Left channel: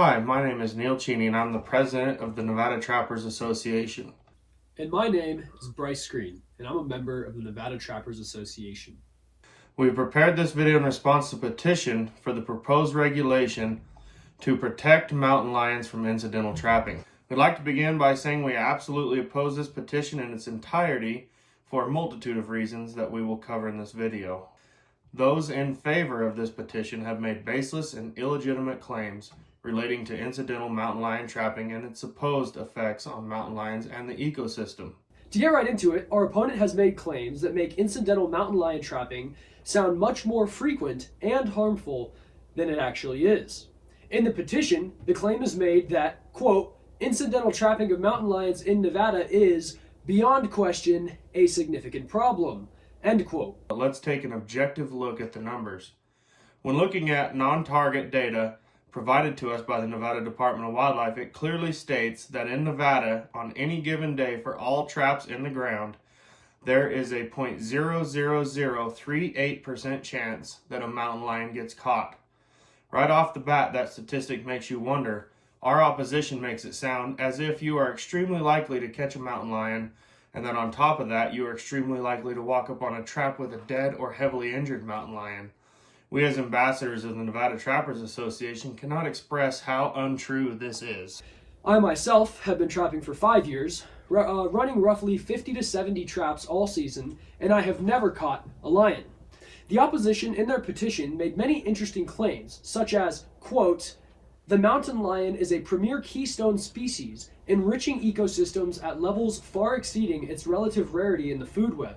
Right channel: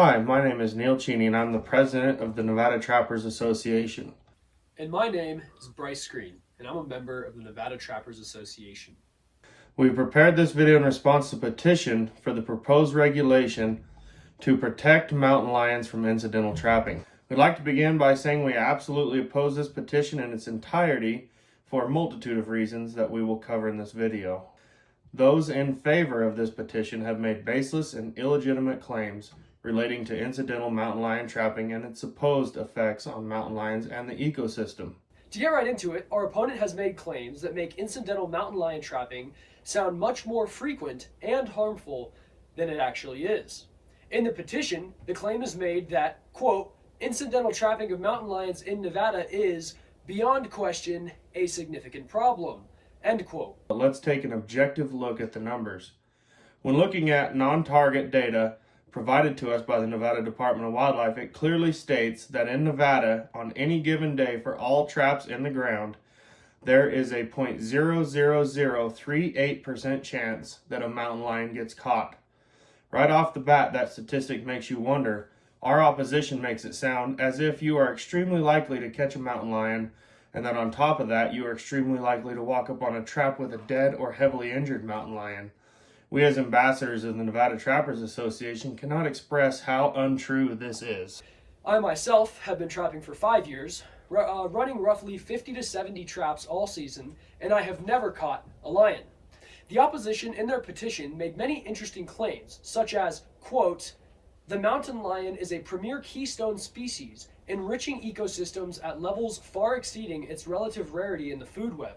Hi, my name is Neil Cheney and I'm the president of the Nevada Trappers Association. And my name is Bryce Green, and I'm a member of the Nevada Trappers Association. We prepared this video in response to Petition for the proposed regulation to protect mountain lions from incidental trapping. We'd like to begin by saying we absolutely oppose this petition in its entirety for a multitude of reasons that we will cover in this video. Those in favor of this petition have made baseless and illegitimate claims relating to incidental mountain lion trapping and its supposed effects on mountain lions and the ecosystem. To get right into it, our opponent has made claims that make incidental mountain lion trapping sound much more frequent and harmful than it actually is. In the petition, the claim is made that, quote, incidental trapping of mountain lions in Nevada is, beyond question, a significant problem, end quote. Let's take an objective look at the numbers. When looking at non-target data provided to us by the Nevada Department of Wildlife, it clearly states that in Nevada, on any given day for all traps in the ground, there is a 0.00038% chance that a mountain lion gets caught. Right off the bat, that statistic makes you wonder. Our opposition makes it sound as if you are extremely likely to catch a mountain lion, and then on top of that, you are extremely likely to walk up on a trap with a dead or heavily injured mountain lion. We as ambassadors of the Nevada Trappers Association cannot express how untrue this is. I myself have been trapping for 5 years, running roughly 50 to 70 traps all season, and I have never caught a lion. The opposition in their petition made many interesting claims, such as, quote, the mountain lion is a premier keystone species, enriching ecosystems at levels far exceeding its relative rarity in the food web.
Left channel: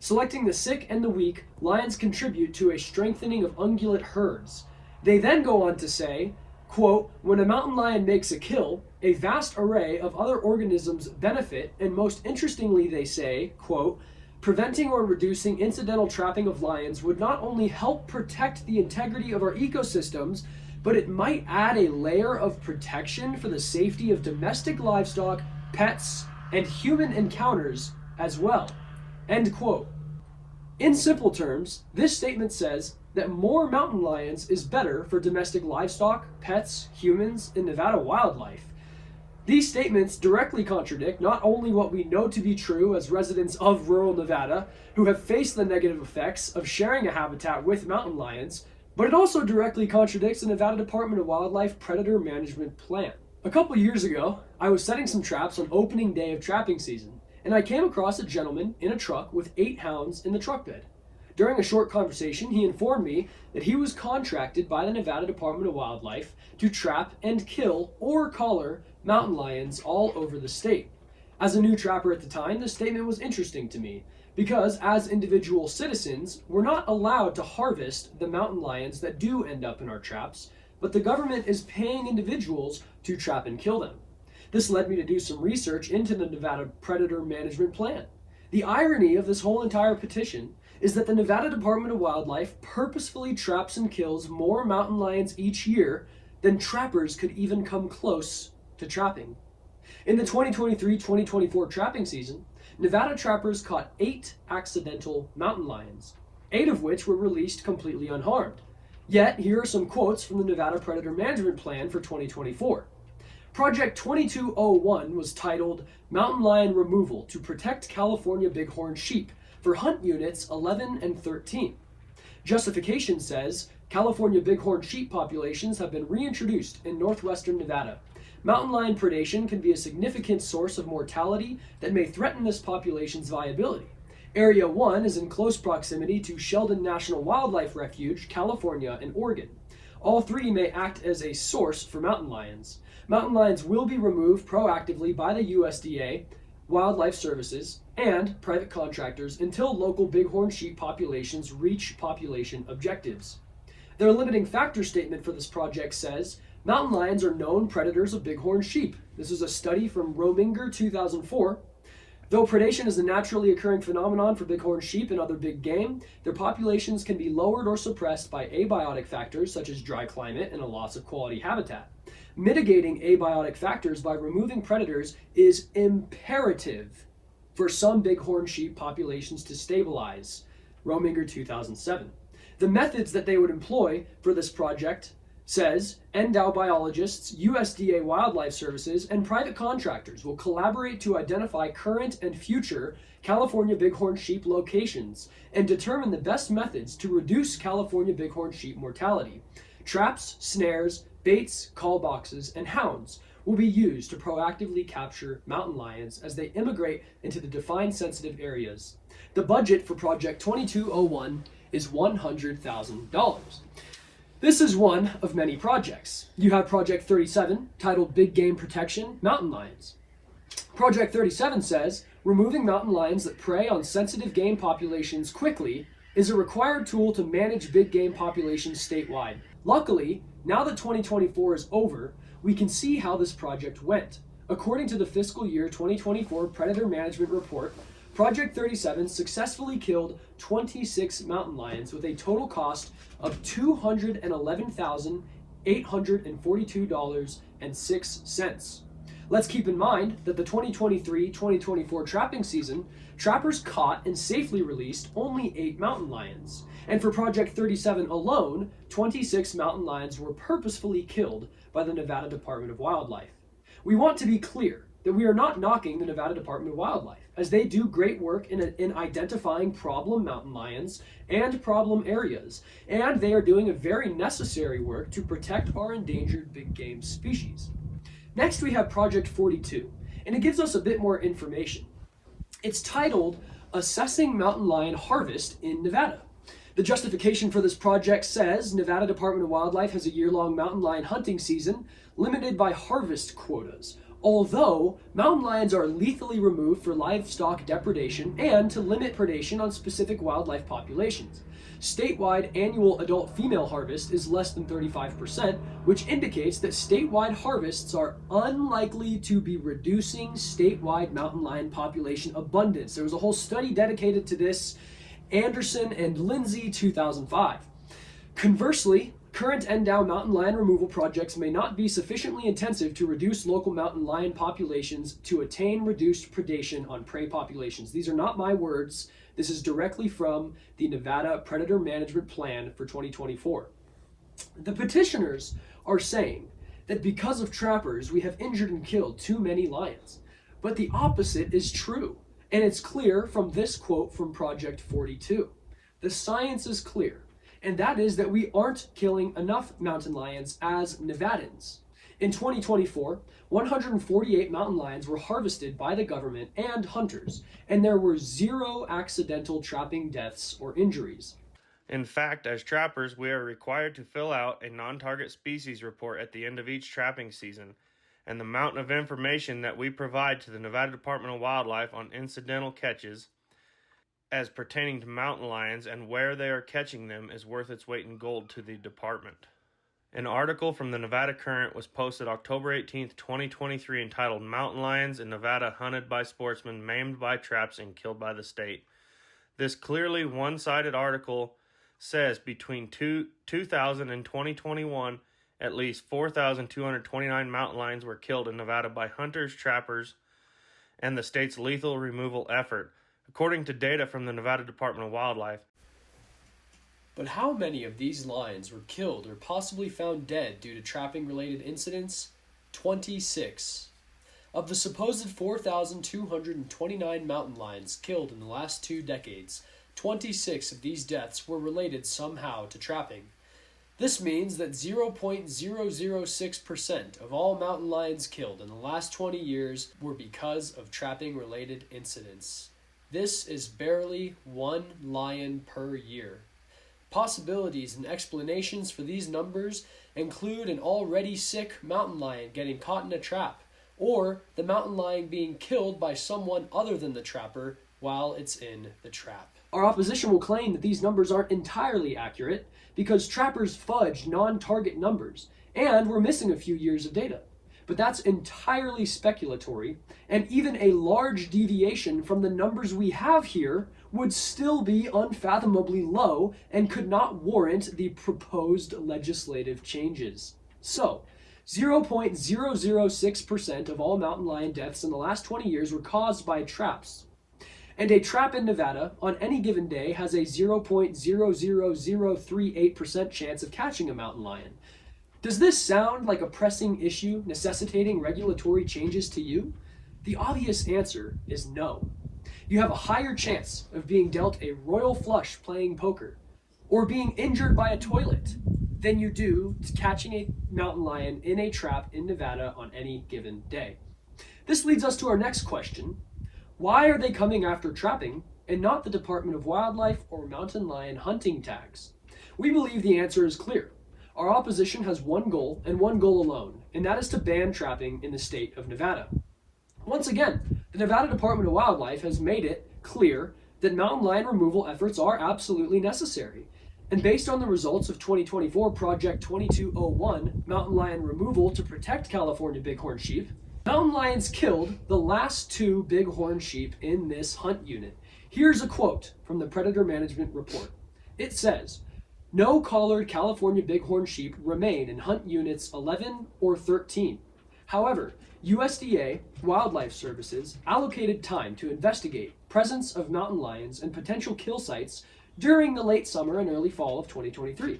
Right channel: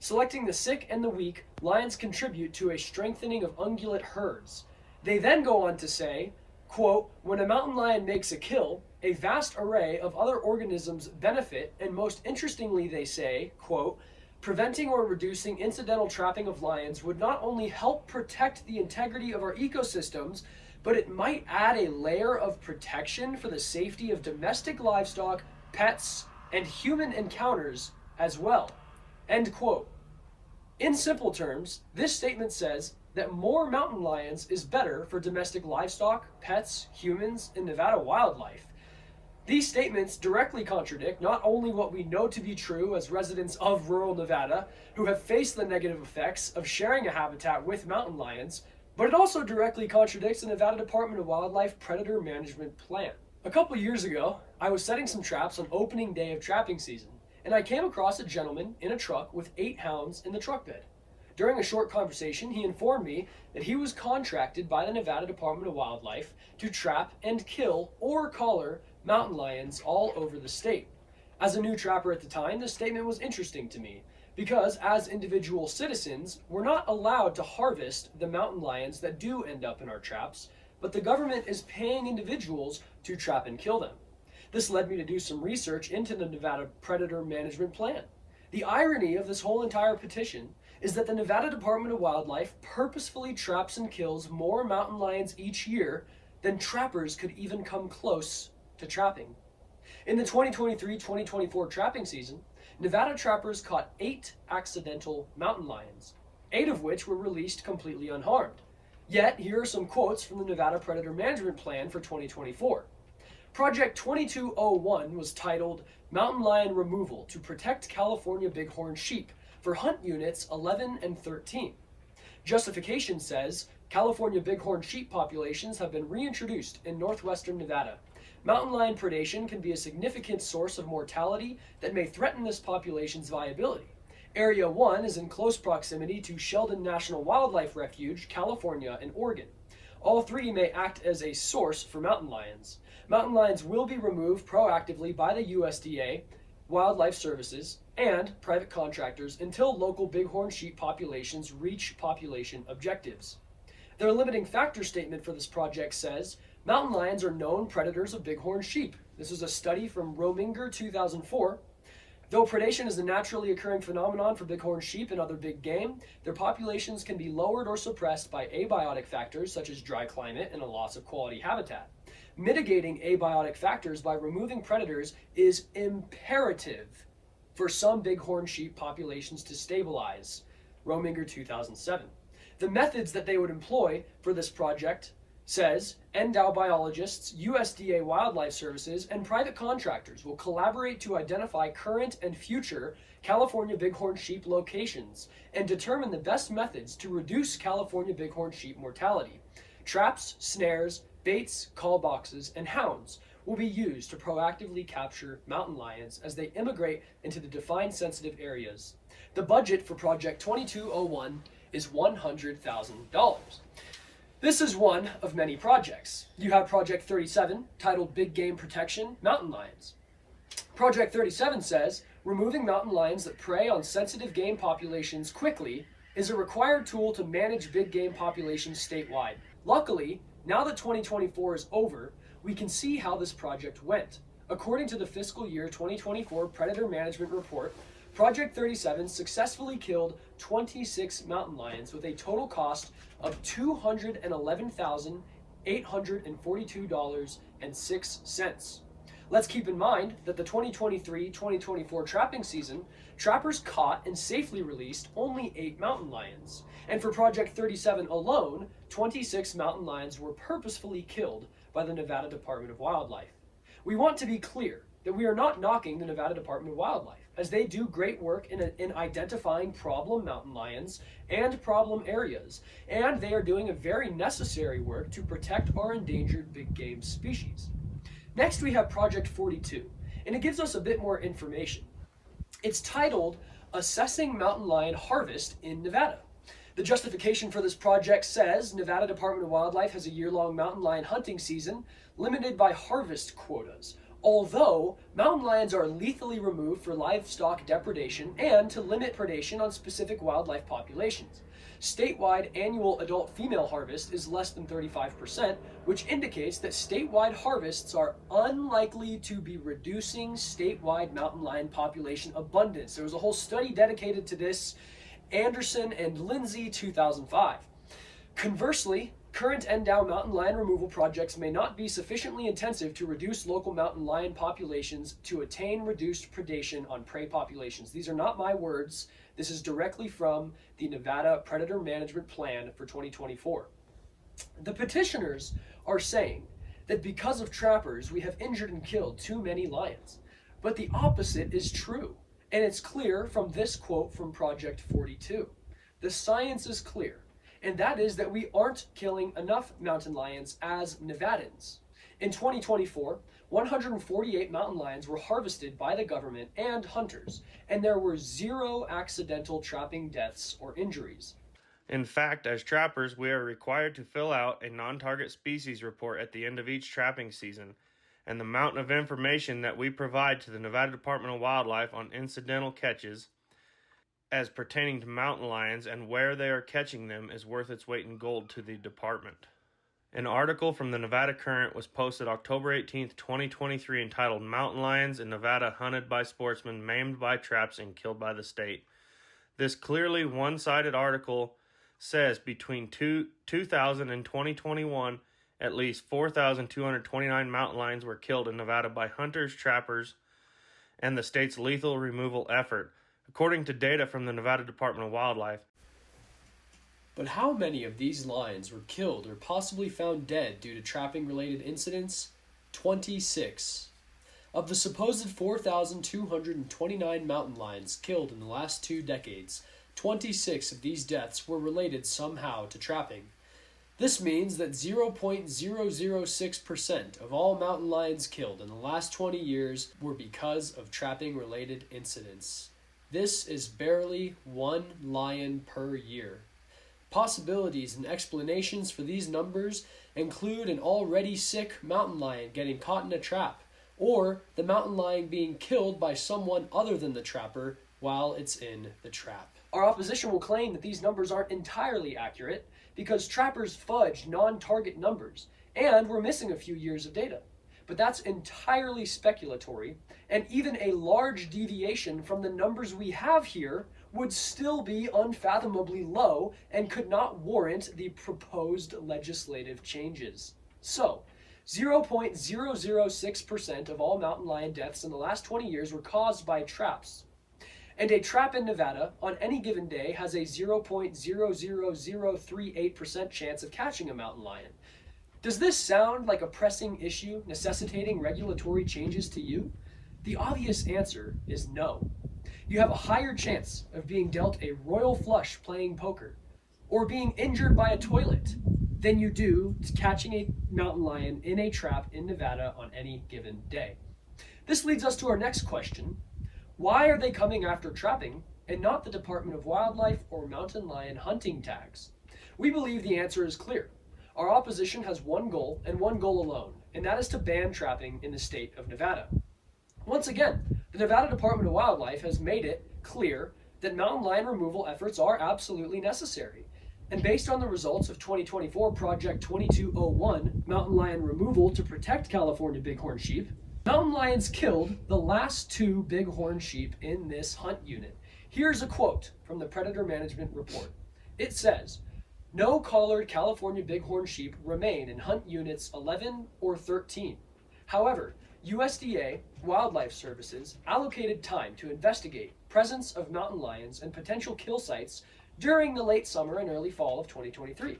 Selecting the sick and the weak, lions contribute to a strengthening of ungulate herds. They then go on to say, quote, when a mountain lion makes a kill, a vast array of other organisms benefit, and most interestingly they say, quote, preventing or reducing incidental trapping of lions would not only help protect the integrity of our ecosystems, but it might add a layer of protection for the safety of domestic livestock, pets, and human encounters as well, end quote. In simple terms, this statement says that more mountain lions is better for domestic livestock, pets, humans, and Nevada wildlife. These statements directly contradict not only what we know to be true as residents of rural Nevada who have faced the negative effects of sharing a habitat with mountain lions, but it also directly contradicts the Nevada Department of Wildlife Predator Management Plan. A couple years ago, I was setting some traps on opening day of trapping season, and I came across a gentleman in a truck with 8 hounds in the truck bed. During a short conversation, he informed me that he was contracted by the Nevada Department of Wildlife to trap and kill or collar mountain lions all over the state. As a new trapper at the time, this statement was interesting to me because as individual citizens, we're not allowed to harvest the mountain lions that do end up in our traps, but the government is paying individuals to trap and kill them. This led me to do some research into the Nevada Predator Management Plan. The irony of this whole entire petition is that the Nevada Department of Wildlife purposefully traps and kills more mountain lions each year than trappers could even come close to trapping. In the 2023-2024 trapping season, Nevada trappers caught 8 accidental mountain lions, 8 of which were released completely unharmed. Yet, here are some quotes from the Nevada Predator Management Plan for 2024. Project 2201 was titled Mountain Lion Removal to Protect California Bighorn Sheep for Hunt Units 11 and 13. Justification says, California bighorn sheep populations have been reintroduced in northwestern Nevada. Mountain lion predation can be a significant source of mortality that may threaten this population's viability. Area 1 is in close proximity to Sheldon National Wildlife Refuge, California, and Oregon. All 3 may act as a source for mountain lions. Mountain lions will be removed proactively by the USDA, Wildlife Services, and private contractors until local bighorn sheep populations reach population objectives. Their limiting factor statement for this project says, mountain lions are known predators of bighorn sheep. This is a study from Rominger 2004. Though predation is a naturally occurring phenomenon for bighorn sheep and other big game, their populations can be lowered or suppressed by abiotic factors such as dry climate and a loss of quality habitat. Mitigating abiotic factors by removing predators is imperative for some bighorn sheep populations to stabilize. Rominger 2007. The methods that they would employ for this project says NDOW biologists, USDA Wildlife Services, and private contractors will collaborate to identify current and future California bighorn sheep locations and determine the best methods to reduce California bighorn sheep mortality. Traps, snares, baits, call boxes, and hounds will be used to proactively capture mountain lions as they immigrate into the defined sensitive areas. The budget for Project 2201 is $100,000. This is one of many projects. You have Project 37, titled Big Game Protection, Mountain Lions. Project 37 says, removing mountain lions that prey on sensitive game populations quickly is a required tool to manage big game populations statewide. Luckily, now that 2024 is over, we can see how this project went. According to the fiscal year 2024 Predator Management Report, Project 37 successfully killed 26 mountain lions with a total cost of $211,842.06. Let's keep in mind that the 2023-2024 trapping season, trappers caught and safely released only 8 mountain lions. And for Project 37 alone, 26 mountain lions were purposefully killed by the Nevada Department of Wildlife. We want to be clear that we are not knocking the Nevada Department of Wildlife, as they do great work in identifying problem mountain lions and problem areas, and they are doing a very necessary work to protect our endangered big game species. Next, we have Project 42, and it gives us a bit more information. It's titled Assessing Mountain Lion Harvest in Nevada. The justification for this project says Nevada Department of Wildlife has a year-long mountain lion hunting season limited by harvest quotas, although mountain lions are lethally removed for livestock depredation and to limit predation on specific wildlife populations. Statewide annual adult female harvest is less than 35%, which indicates that statewide harvests are unlikely to be reducing statewide mountain lion population abundance. There was a whole study dedicated to this, Anderson and Lindsay, 2005. Conversely, current NDOW mountain lion removal projects may not be sufficiently intensive to reduce local mountain lion populations to attain reduced predation on prey populations. These are not my words. This is directly from the Nevada Predator Management Plan for 2024. The petitioners are saying that because of trappers, we have injured and killed too many lions. But the opposite is true. And it's clear from this quote from Project 42. The science is clear, and that is that we aren't killing enough mountain lions as Nevadans. In 2024, 148 mountain lions were harvested by the government and hunters, and there were 0 accidental trapping deaths or injuries. In fact, as trappers, we are required to fill out a non-target species report at the end of each trapping season, and the mountain of information that we provide to the Nevada Department of Wildlife on incidental catches as pertaining to mountain lions and where they are catching them is worth its weight in gold to the department. An article from the Nevada Current was posted October 18, 2023, entitled Mountain Lions in Nevada Hunted by Sportsmen, Maimed by Traps, and Killed by the State. This clearly one-sided article says between 2000 and 2021, at least 4,229 mountain lions were killed in Nevada by hunters, trappers, and the state's lethal removal effort, according to data from the Nevada Department of Wildlife. But how many of these lions were killed or possibly found dead due to trapping-related incidents? 26. Of the supposed 4,229 mountain lions killed in the last 2 decades, 26 of these deaths were related somehow to trapping. This means that 0.006% of all mountain lions killed in the last 20 years were because of trapping-related incidents. This is barely 1 lion per year. Possibilities and explanations for these numbers include an already sick mountain lion getting caught in a trap, or the mountain lion being killed by someone other than the trapper while it's in the trap. Our opposition will claim that these numbers aren't entirely accurate because trappers fudged non-target numbers, and we're missing a few years of data. But that's entirely speculatory, and even a large deviation from the numbers we have here would still be unfathomably low and could not warrant the proposed legislative changes. So, 0.006% of all mountain lion deaths in the last 20 years were caused by traps. And a trap in Nevada on any given day has a 0.00038% chance of catching a mountain lion. Does this sound like a pressing issue necessitating regulatory changes to you? The obvious answer is no. You have a higher chance of being dealt a royal flush playing poker or being injured by a toilet than you do catching a mountain lion in a trap in Nevada on any given day. This leads us to our next question. Why are they coming after trapping and not the Department of Wildlife or mountain lion hunting tags? We believe the answer is clear. Our opposition has one goal and one goal alone, and that is to ban trapping in the state of Nevada. Once again, the Nevada Department of Wildlife has made it clear that mountain lion removal efforts are absolutely necessary. And based on the results of 2024 Project 2201, Mountain Lion Removal to Protect California Bighorn Sheep, mountain lions killed the last 2 bighorn sheep in this hunt unit. Here's a quote from the Predator Management Report. It says, "No collared California bighorn sheep remain in hunt units 11 or 13. However, USDA Wildlife Services allocated time to investigate presence of mountain lions and potential kill sites during the late summer and early fall of 2023.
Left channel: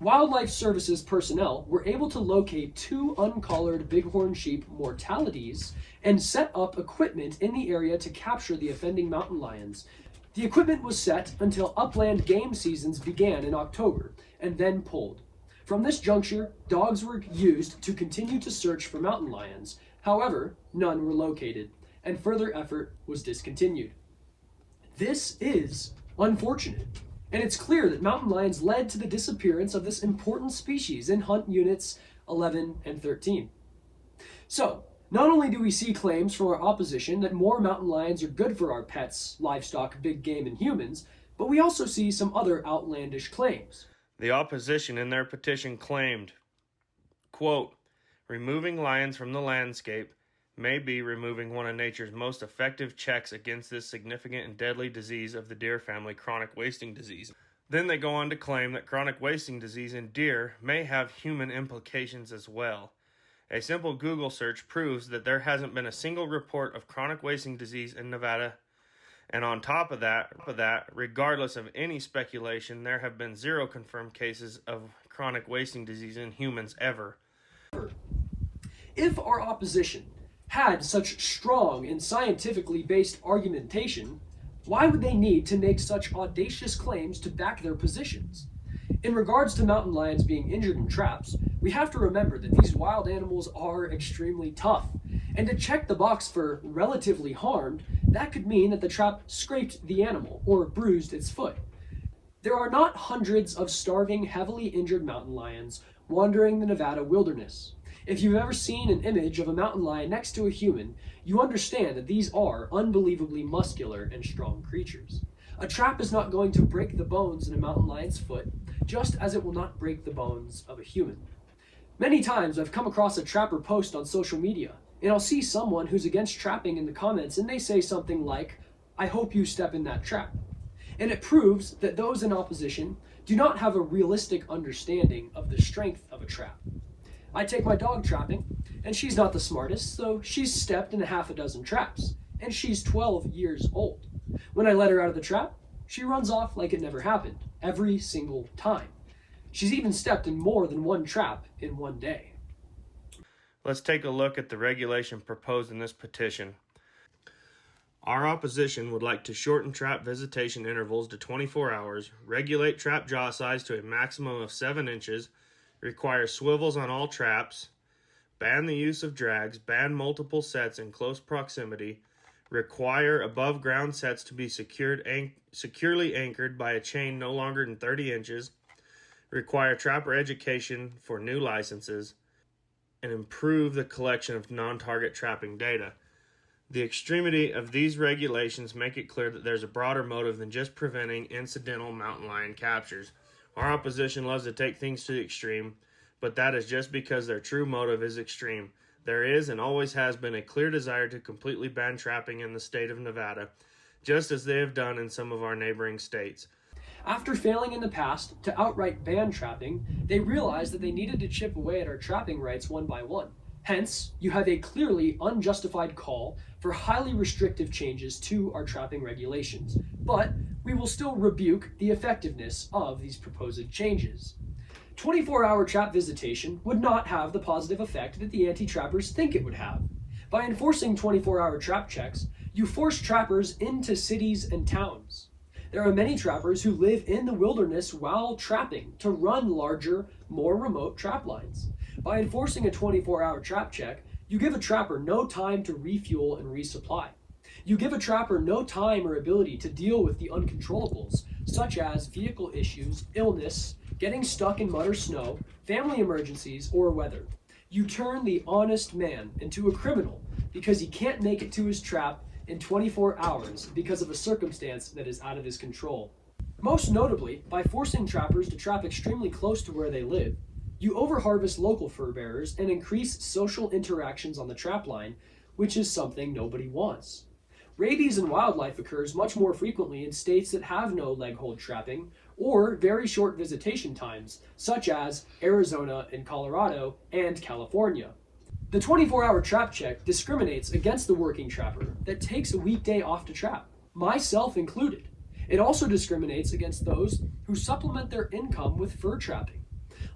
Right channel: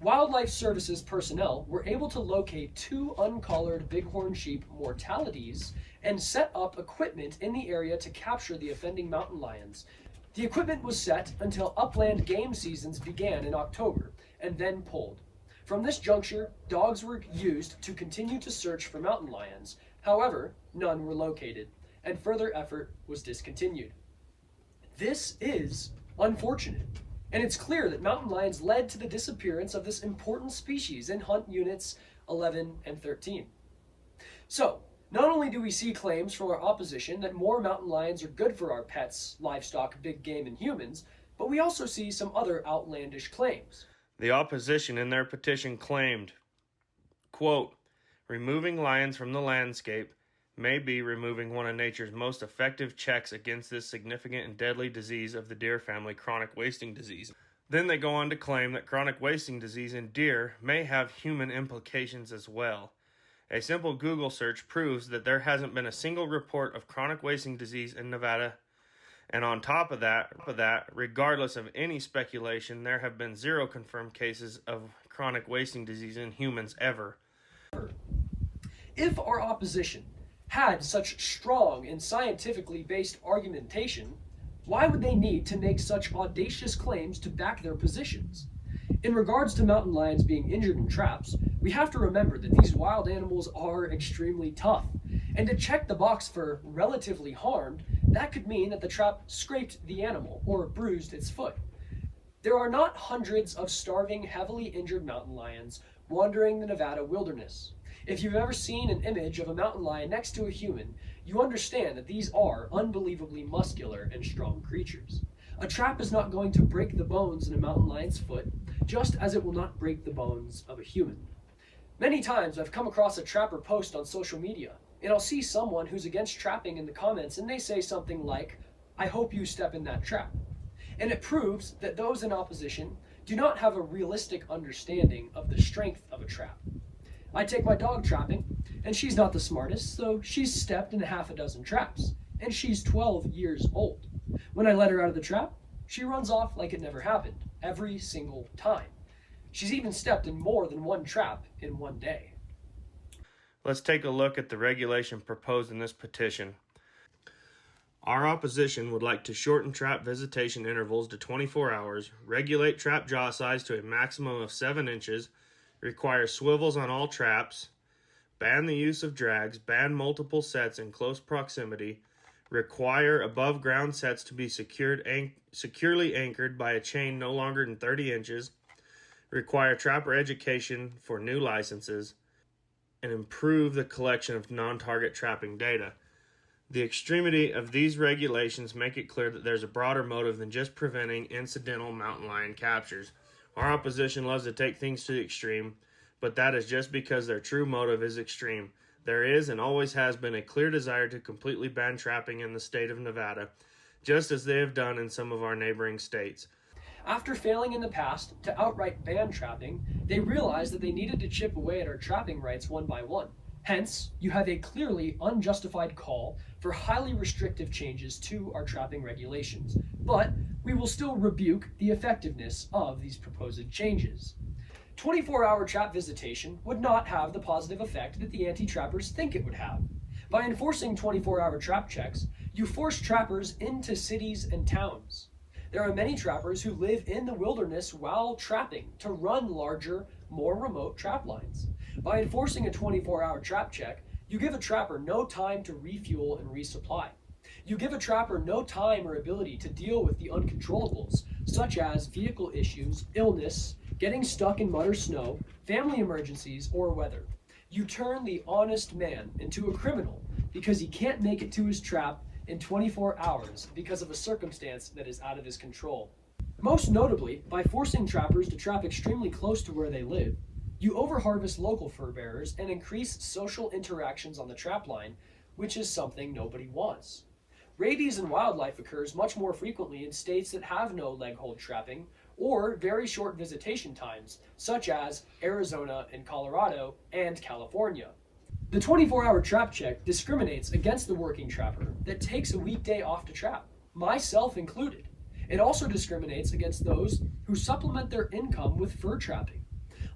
Wildlife Services personnel were able to locate 2 uncollared bighorn sheep mortalities and set up equipment in the area to capture the offending mountain lions. The equipment was set until upland game seasons began in October and then pulled. From this juncture, dogs were used to continue to search for mountain lions. However, none were located, and further effort was discontinued." This is unfortunate, and it's clear that mountain lions led to the disappearance of this important species in hunt units 11 and 13. So, not only do we see claims from our opposition that more mountain lions are good for our pets, livestock, big game, and humans, but we also see some other outlandish claims. The opposition in their petition claimed, quote, "Removing lions from the landscape may be removing one of nature's most effective checks against this significant and deadly disease of the deer family, chronic wasting disease." Then they go on to claim that chronic wasting disease in deer may have human implications as well. A simple Google search proves that there hasn't been a single report of chronic wasting disease in Nevada. And on top of that, regardless of any speculation, there have been 0 confirmed cases of chronic wasting disease in humans ever. If our opposition had such strong and scientifically based argumentation, why would they need to make such audacious claims to back their positions? In regards to mountain lions being injured in traps, we have to remember that these wild animals are extremely tough, and to check the box for relatively harmed, that could mean that the trap scraped the animal or bruised its foot. There are not hundreds of starving, heavily injured mountain lions wandering the Nevada wilderness. If you've ever seen an image of a mountain lion next to a human, you understand that these are unbelievably muscular and strong creatures. A trap is not going to break the bones in a mountain lion's foot, just as it will not break the bones of a human. Many times I've come across a trapper post on social media, and I'll see someone who's against trapping in the comments, and they say something like, "I hope you step in that trap." And it proves that those in opposition do not have a realistic understanding of the strength of a trap. I take my dog trapping, and she's not the smartest, so she's stepped in 6 traps, and she's 12 years old. When I let her out of the trap, she runs off like it never happened, every single time. She's even stepped in more than 1 trap in 1 day. Let's take a look at the regulation proposed in this petition. Our opposition would like to shorten trap visitation intervals to 24 hours, regulate trap jaw size to a maximum of 7 inches, require swivels on all traps, ban the use of drags, ban multiple sets in close proximity, require above ground sets to be securely anchored by a chain no longer than 30 inches, require trapper education for new licenses, and improve the collection of non-target trapping data. The extremity of these regulations make it clear that there's a broader motive than just preventing incidental mountain lion captures. Our opposition loves to take things to the extreme, but that is just because their true motive is extreme. There is and always has been a clear desire to completely ban trapping in the state of Nevada, just as they have done in some of our neighboring states. After failing in the past to outright ban trapping, they realized that they needed to chip away at our trapping rights one by one. Hence, you have a clearly unjustified call for highly restrictive changes to our trapping regulations, but we will still rebuke the effectiveness of these proposed changes. 24-hour trap visitation would not have the positive effect that the anti-trappers think it would have. By enforcing 24-hour trap checks, you force trappers into cities and towns. There are many trappers who live in the wilderness while trapping to run larger, more remote trap lines. By enforcing a 24-hour trap check, you give a trapper no time to refuel and resupply. You give a trapper no time or ability to deal with the uncontrollables, such as vehicle issues, illness, getting stuck in mud or snow, family emergencies, or weather. You turn the honest man into a criminal because he can't make it to his trap in 24 hours because of a circumstance that is out of his control. Most notably, by forcing trappers to trap extremely close to where they live, you overharvest local fur bearers and increase social interactions on the trap line, which is something nobody wants. Rabies in wildlife occurs much more frequently in states that have no leg hold trapping or very short visitation times, such as Arizona and Colorado and California. The 24-hour trap check discriminates against the working trapper that takes a weekday off to trap, myself included. It also discriminates against those who supplement their income with fur trapping.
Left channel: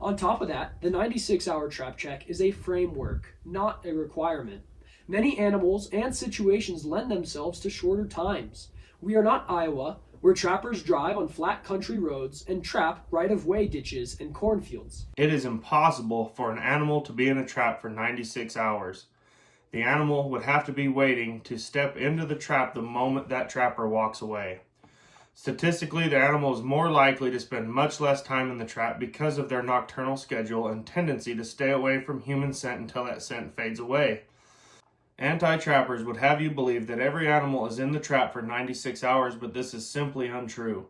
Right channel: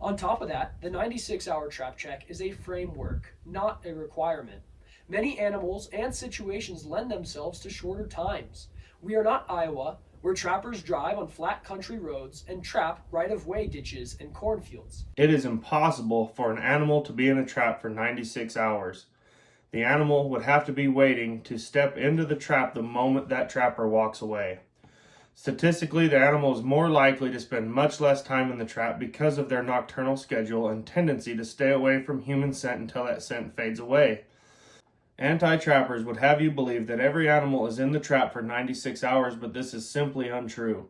On top of that, the 96-hour trap check is a framework, not a requirement. Many animals and situations lend themselves to shorter times. We are not Iowa, where trappers drive on flat country roads and trap right-of-way ditches and cornfields. It is impossible for an animal to be in a trap for 96 hours. The animal would have to be waiting to step into the trap the moment that trapper walks away. Statistically, the animal is more likely to spend much less time in the trap because of their nocturnal schedule and tendency to stay away from human scent until that scent fades away. Anti-trappers would have you believe that every animal is in the trap for 96 hours, but this is simply untrue.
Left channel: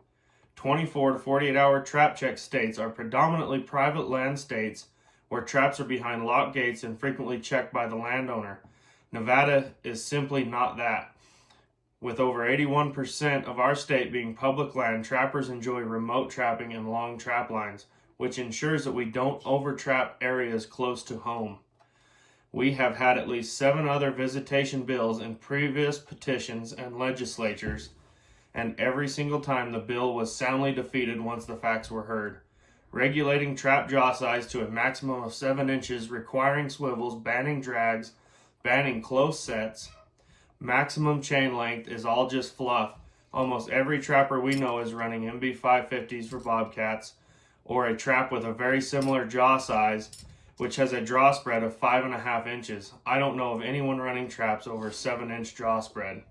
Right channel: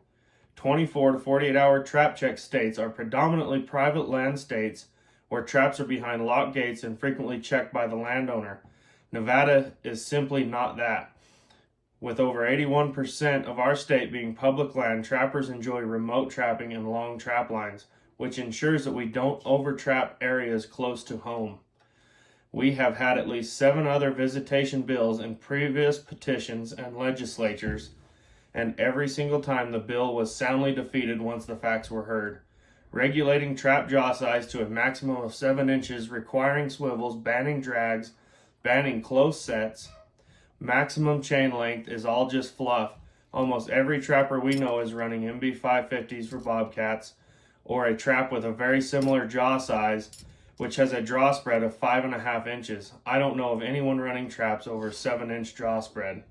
24 to 48-hour trap check states are predominantly private land states where traps are behind locked gates and frequently checked by the landowner. Nevada is simply not that. With over 81% of our state being public land, trappers enjoy remote trapping and long trap lines, which ensures that we don't overtrap areas close to home. We have had at least 7 other visitation bills in previous petitions and legislatures, and every single time the bill was soundly defeated once the facts were heard. Regulating trap jaw size to a maximum of 7 inches, requiring swivels, banning drags, banning close sets, maximum chain length is all just fluff. Almost every trapper we know is running MB550s for bobcats, or a trap with a very similar jaw size, which has a draw spread of 5.5 inches. I don't know of anyone running traps over 7-inch draw spread.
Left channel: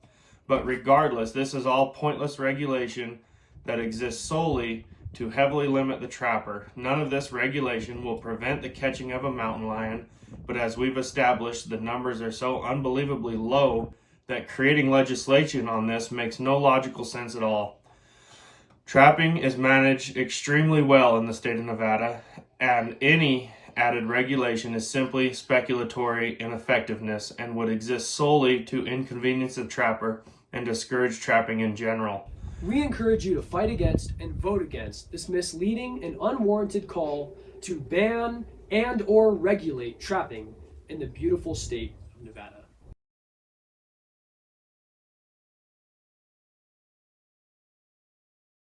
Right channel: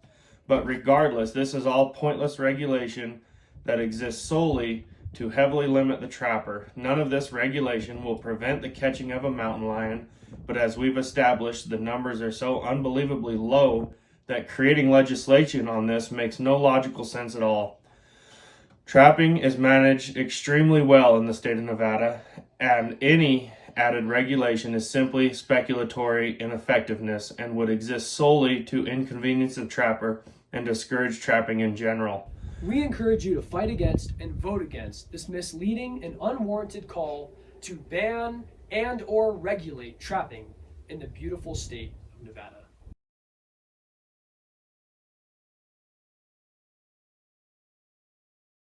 But regardless, this is all pointless regulation that exists solely to heavily limit the trapper. None of this regulation will prevent the catching of a mountain lion, but as we've established, the numbers are so unbelievably low that creating legislation on this makes no logical sense at all. Trapping is managed extremely well in the state of Nevada, and any added regulation is simply speculatory ineffectiveness and would exist solely to inconvenience the trapper and discourage trapping in general. We encourage you to fight against and vote against this misleading and unwarranted call to ban and or regulate trapping in the beautiful state of Nevada.